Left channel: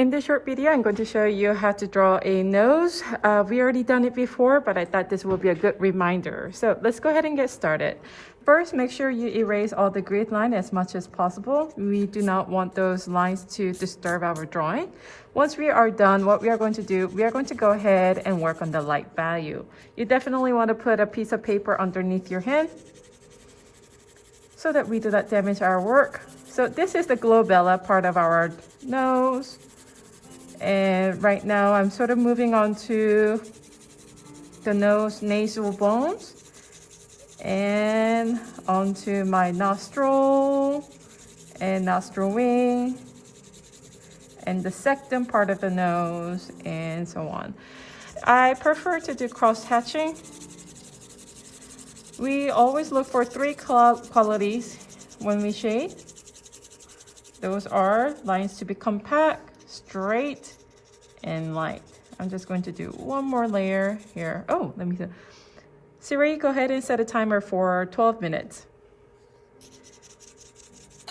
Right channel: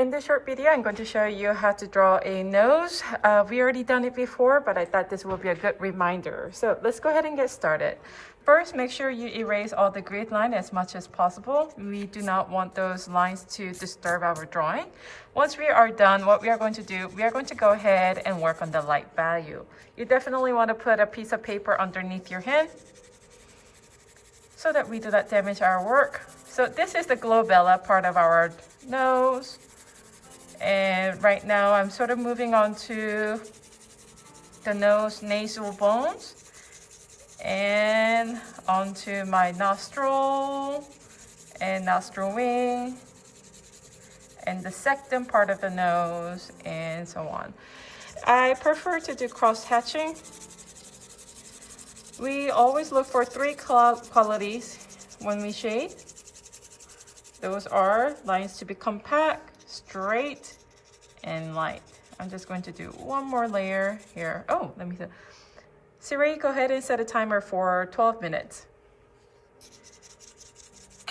In this short video, I'm going to show you how to draw a nose. We already done it before, but I thought this would be a good reminder. So let's go ahead and get started. First, make sure you erase all the grid line as much as possible. We do not want those lines to disturb our drawing. Once we are done, what we are going to do, we are going to go ahead and work on the light value. You definitely want to put a piece of paper underneath your hand so that we do not damage our work. So this is the glabella part of our nose. And right now I'm sort of moving on to the nose nasal bones and onto my nostril and nostril wing and the sectum part of the nose and so on. I prefer to do cross hatching. We always look for three qualities when we shade. Those are lines to be compact, straight, and light. I'm just going to do one more layer here. Oh, let me see. Siri, go ahead and set a timer for 12 minutes.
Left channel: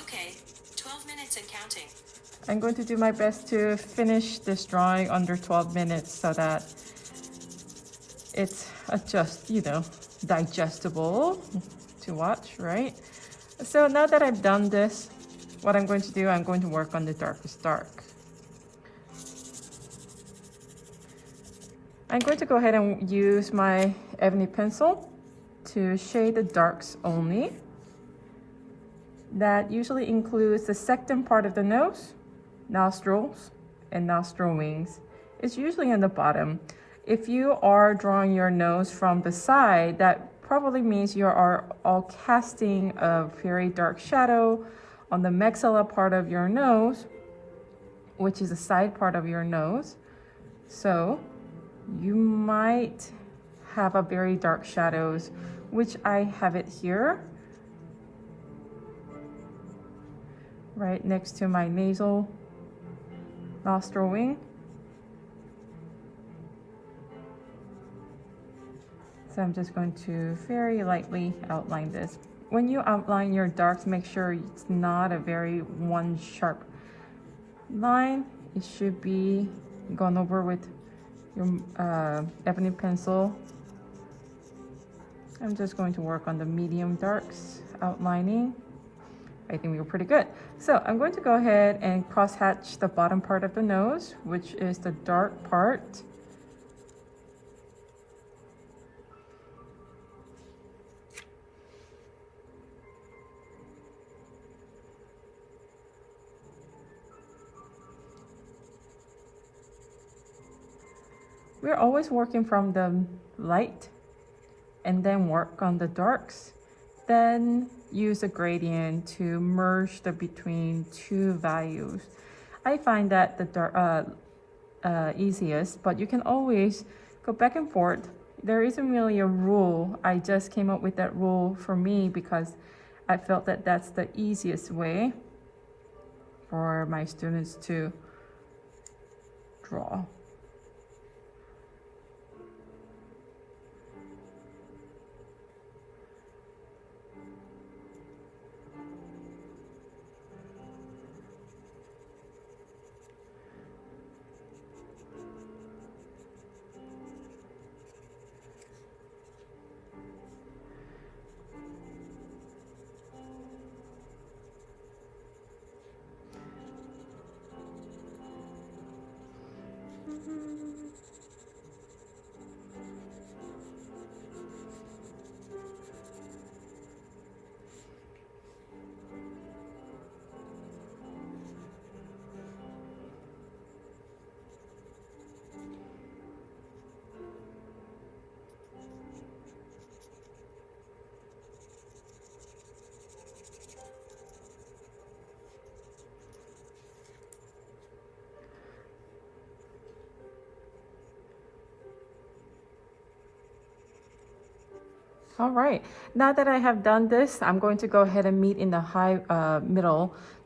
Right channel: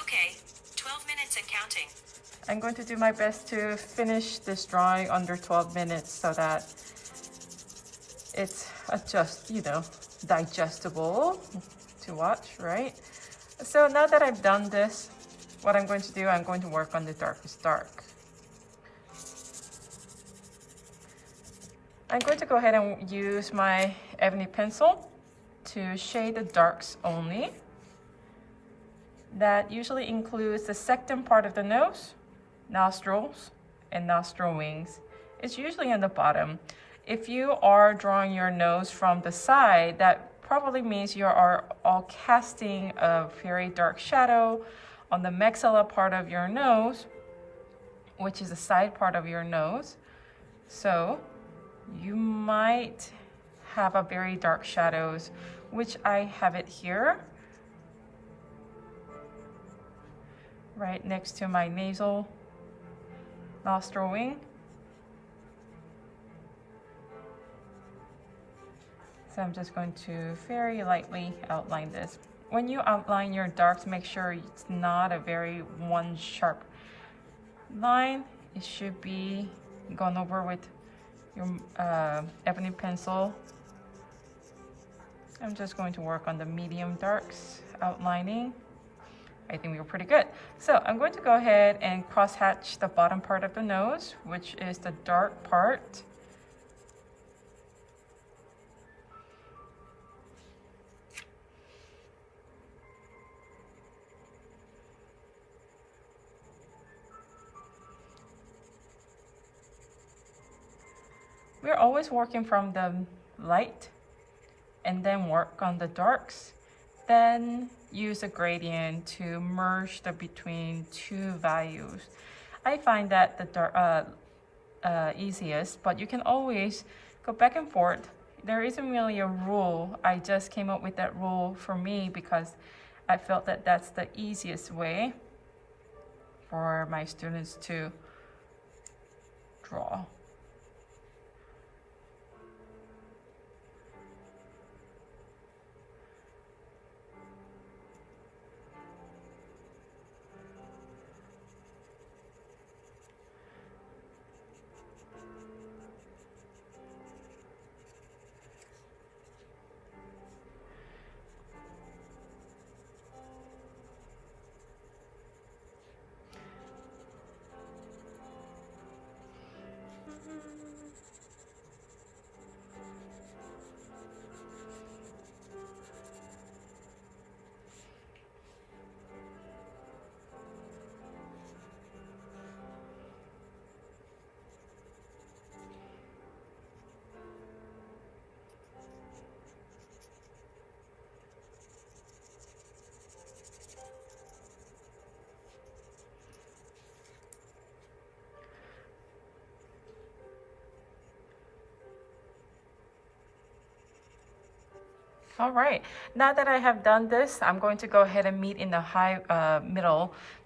Okay, 12 minutes and counting. I'm going to do my best to finish this drawing under 12 minutes so that it's digestible to watch, right? So now that I've done this, what I'm going to do, I'm going to work on the darkest dark. I'm going to go ahead and use my ebony pencil to shade the darks only. That usually includes the sectum part of the nose, nostrils, and nostril wings. It's usually on the bottom. If you are drawing your nose from the side, that probably means you are all casting a very dark shadow on the maxilla part of your nose, which is the side part of your nose. So you might have a very dark shadows, which I have it here, right next to my nasal nostril wing. So I'm just going to very lightly outline this. When you outline your darks, make sure it's not a very one sharp line. It should be gone over with your ebony pencil. I'm just going to work on the medium darks outlining. I think we were pretty good. So I'm going to go ahead and cross hatch the bottom part of the nose, which is the dark part. We're always working from the light and then work on the darks. Then use a gradient to merge the between two values. I find that the easiest, but you can always go back and forth. There isn't really a rule. I just came up with that rule for me because I felt that that's the easiest way for my students to draw. All right, now that I have done this, I'm going to go ahead and meet in the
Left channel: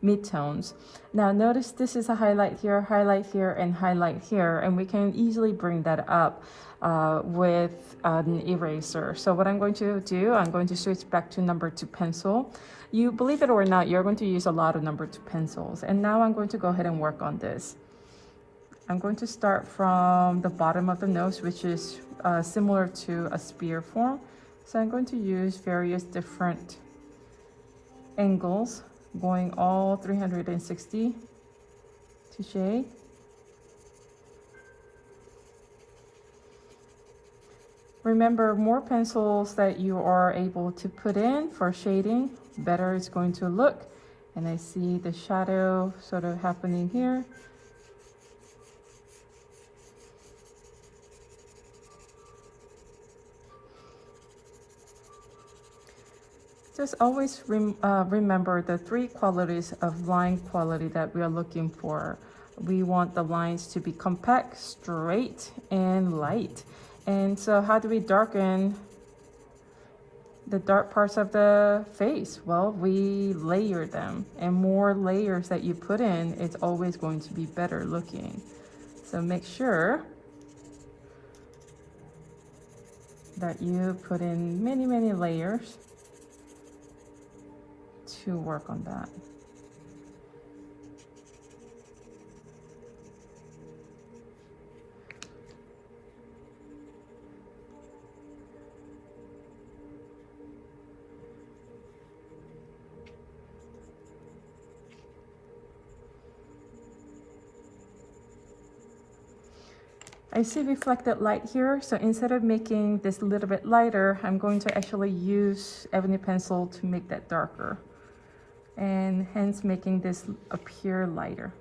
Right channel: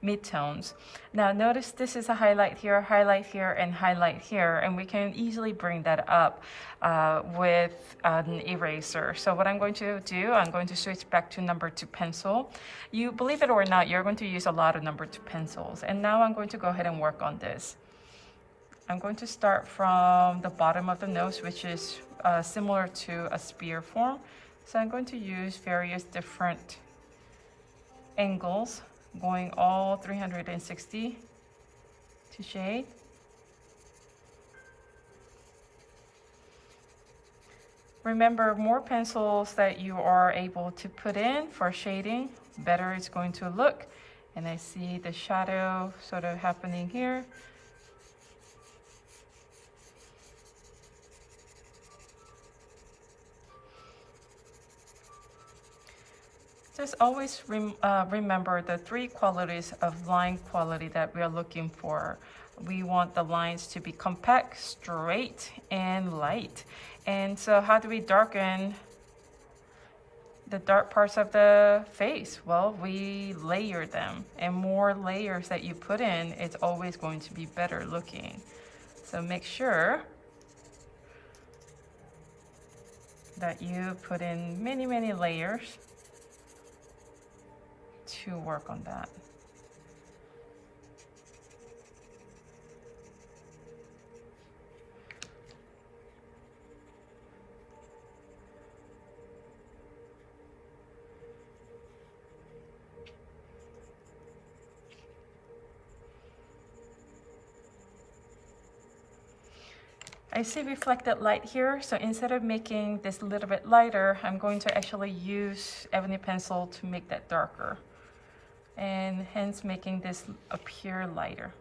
midtones. Now notice this is a highlight here, and highlight here, and we can easily bring that up with an eraser. So what I'm going to do, I'm going to switch back to number 2 pencil. You believe it or not, you're going to use a lot of number 2 pencils. And now I'm going to go ahead and work on this. I'm going to start from the bottom of the nose, which is similar to a spear form. So I'm going to use various different angles, going all 360 to shade. Remember, more pencils that you are able to put in for shading, better it's going to look. And I see the shadow sort of happening here. Just always remember the three qualities of line quality that we are looking for. We want the lines to be compact, straight, and light. And so how do we darken the dark parts of the face? Well, we layer them, and more layers that you put in, it's always going to be better looking. So make sure that you put in many, many layers to work on that. I see reflected light here, so instead of making this a little bit lighter, I'm going to actually use ebony pencil to make that darker, and hence making this appear lighter.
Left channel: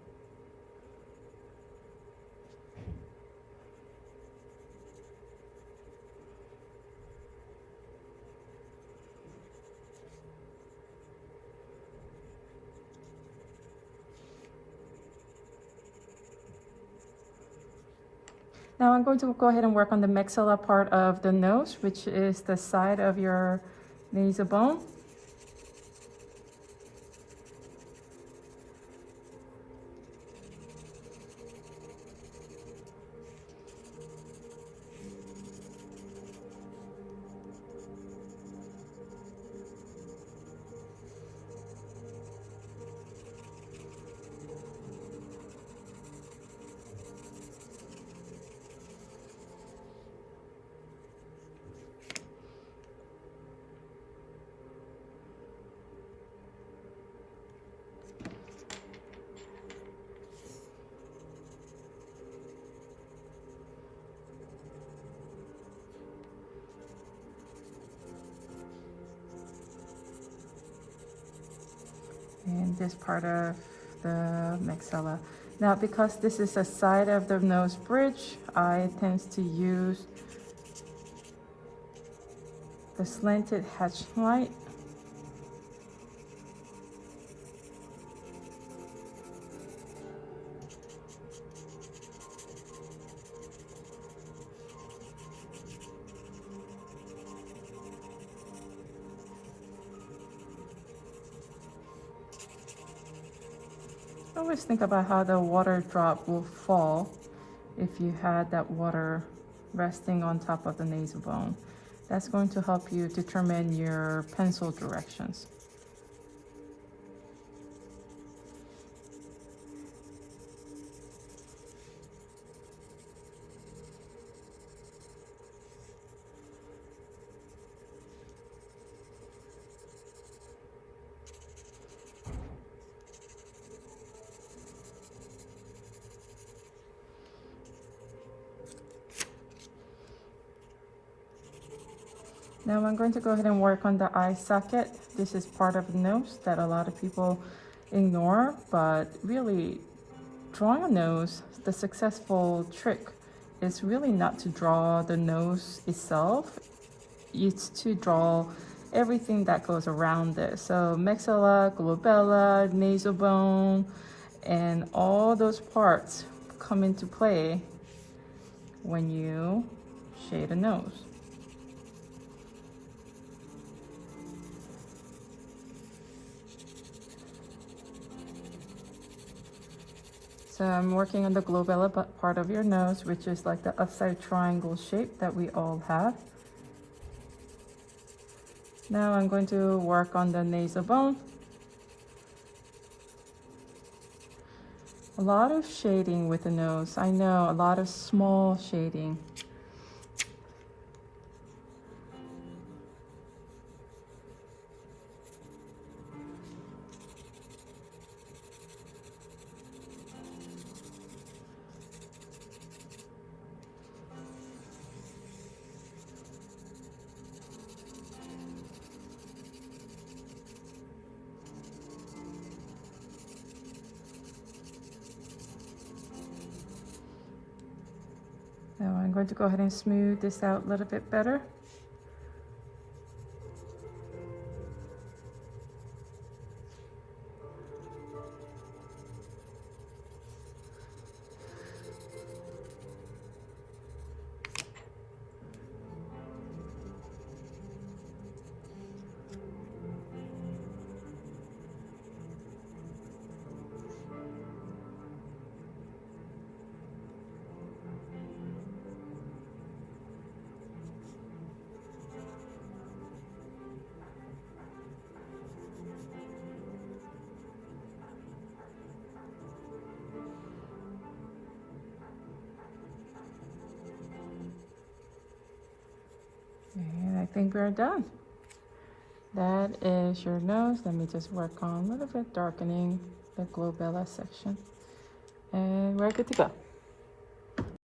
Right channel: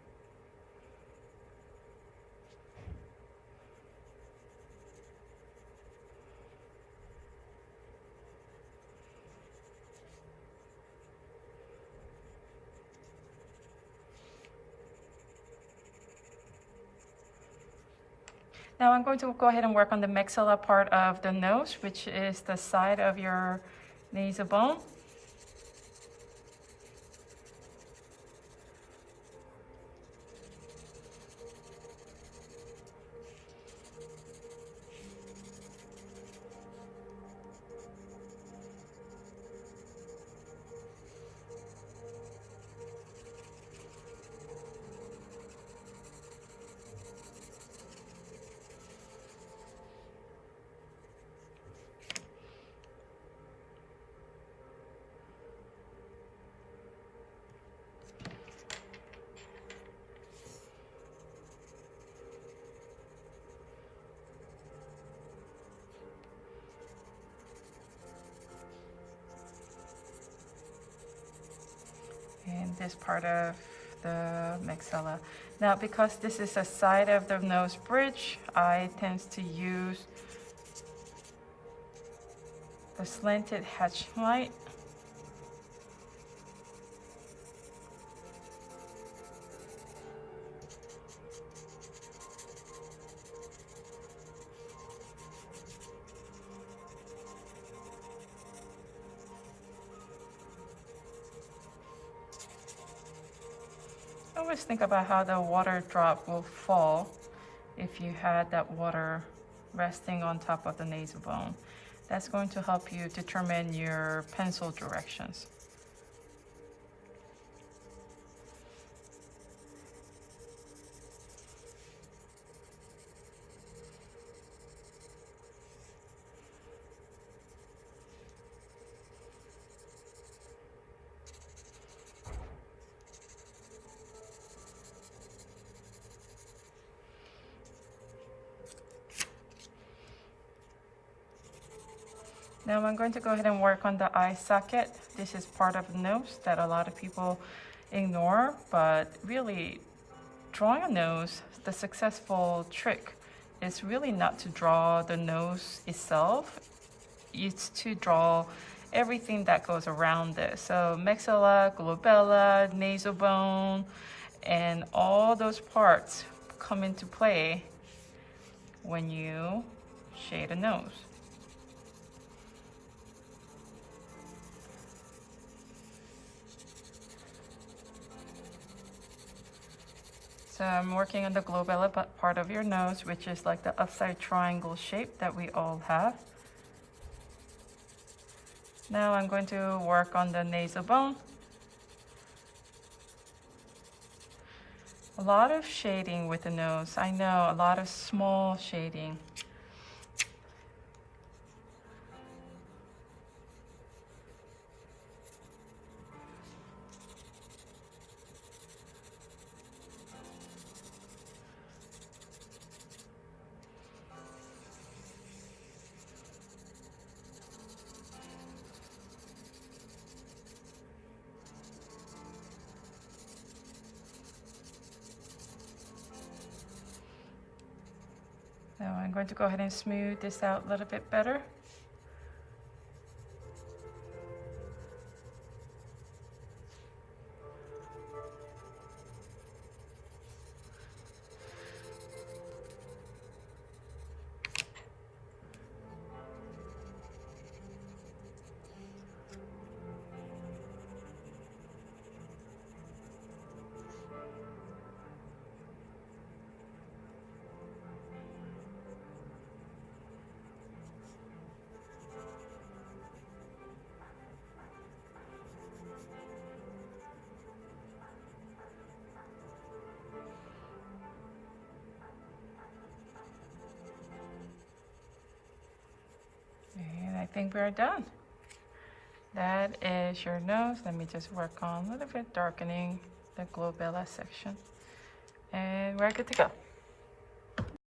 Now I'm going to go ahead and work on the maxilla part of the nose, which is the side of your nasal bone. And this part of the maxilla. Now, because this is a side of the nose bridge, I tend to use the slanted hatch light. Always think about how the water drop will fall if you had that water resting on top of the nasal bone. That's going to help you determine your pencil directions. Now I'm going to go ahead and work on the eye socket. This is part of the nose that a lot of people ignore, but really drawing a nose, the successful trick is really not to draw the nose itself. It's to draw everything that goes around it. So maxilla, glabella, nasal bone, and all those parts come into play when you shade a nose. So I'm working on the glabella part of your nose, which is like the upside triangle shape that we all have. Now I'm going to work on the nasal bone. A lot of shading with the nose. I know, a lot of small shading. So I'm going to go ahead and smooth this out a little bit better. And I think we're done. That is your nose. Let me just work on a little bit darkening the glabella section. And we're good to go.